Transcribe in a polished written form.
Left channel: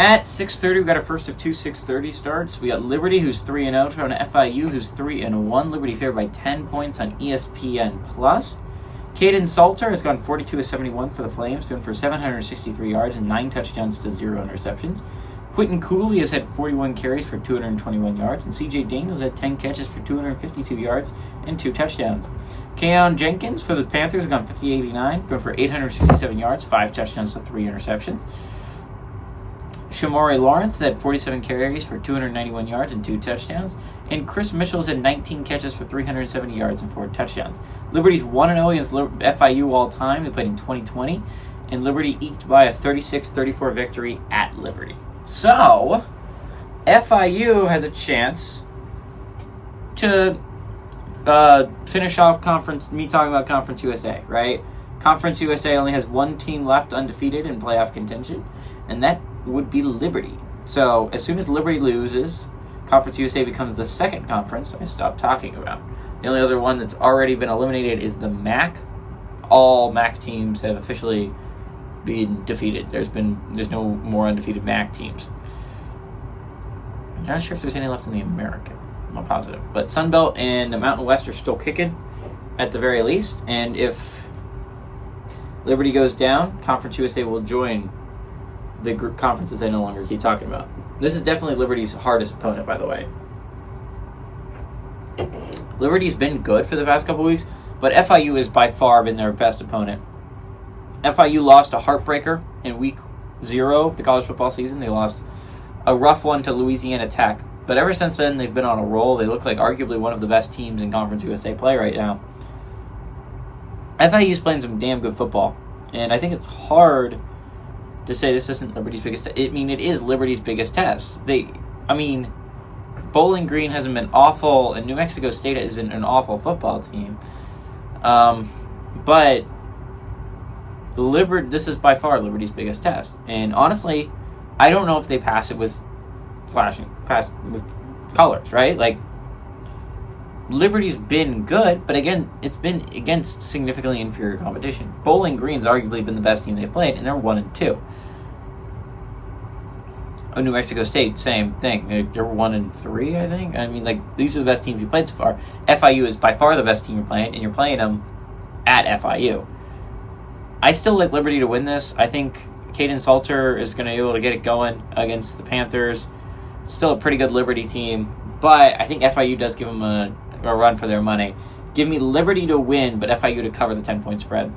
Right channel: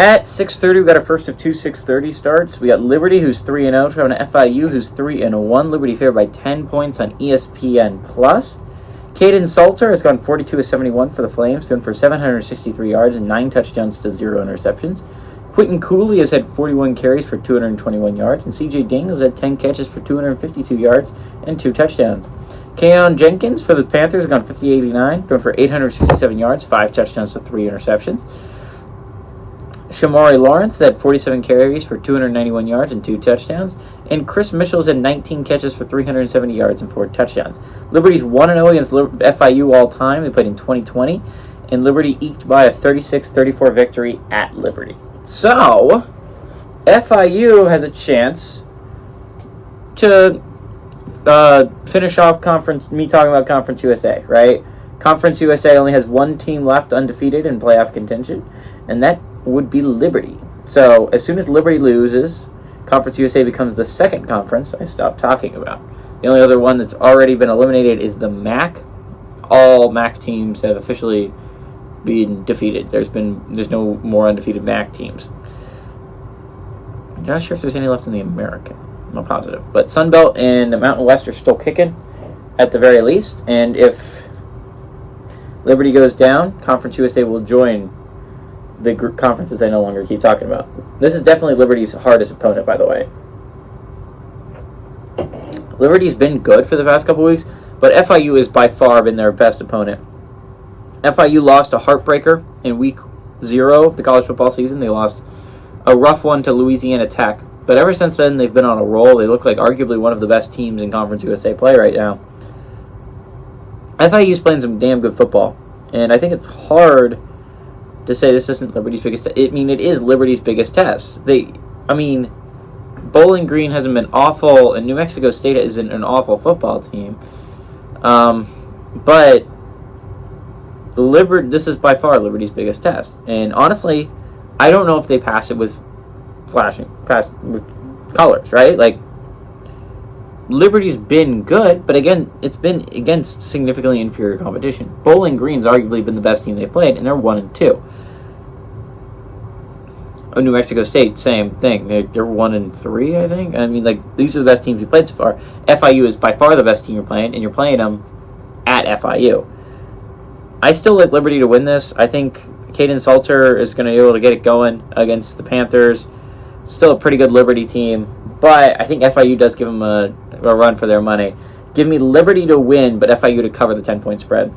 At 6:30, we got our first of two 6:30 starts. We got Liberty, who's 3-0, traveling to FIU, who's 3-1. Liberty favored by 10 points on ESPN+. Caden Salter has gone 42-71 for the Flames, going for 763 yards and 9 touchdowns to 0 interceptions. Quentin Cooley has had 41 carries for 221 yards, and CJ Daniels had 10 catches for 252 yards and 2 touchdowns. Keon Jenkins for the Panthers has gone 50-89, going for 867 yards, 5 touchdowns to 3 interceptions. Shamari Lawrence had 47 carries for 291 yards and 2 touchdowns. And Chris Mitchell's had 19 catches for 370 yards and 4 touchdowns. Liberty's 1-0 against FIU all time. They played in 2020. And Liberty eked by a 36-34 victory at Liberty. So, FIU has a chance to finish off Conference USA, right? Conference USA only has one team left undefeated in playoff contention, and that would be Liberty. So as soon as Liberty loses, Conference USA becomes the second conference I stopped talking about. The only other one that's already been eliminated is the MAC. All MAC teams have officially been defeated. There's no more undefeated MAC teams. I'm not sure if there's any left in the American. I'm not positive. But Sunbelt and the Mountain West are still kicking at the very least. And if Liberty goes down, Conference USA will join the conferences I no longer keep talking about. This is definitely Liberty's hardest opponent, by the way. Liberty's been good for the past couple weeks, but FIU has by far been their best opponent. FIU lost a heartbreaker in week 0 of the college football season. They lost a rough one to Louisiana Tech, but ever since then they've been on a roll. They look like arguably one of the best teams in Conference USA play right now. FIU's playing some damn good football, and I think it's hard to say this isn't Liberty's biggest test. It is Liberty's biggest test. Bowling Green hasn't been awful, and New Mexico State isn't an awful football team. But this is by far Liberty's biggest test. And honestly, I don't know if they pass it with colors, right? Like, Liberty's been good, but again, it's been against significantly inferior competition. Bowling Green's arguably been the best team they've played, and they're 1-2. Oh, New Mexico State, same thing. They're 1-3, I think. These are the best teams you played so far. FIU is by far the best team you're playing, and you're playing them at FIU. I still like Liberty to win this. I think Caden Salter is going to be able to get it going against the Panthers. Still a pretty good Liberty team, but I think FIU does give them a run for their money. Give me Liberty to win, but FIU to cover the 10-point spread.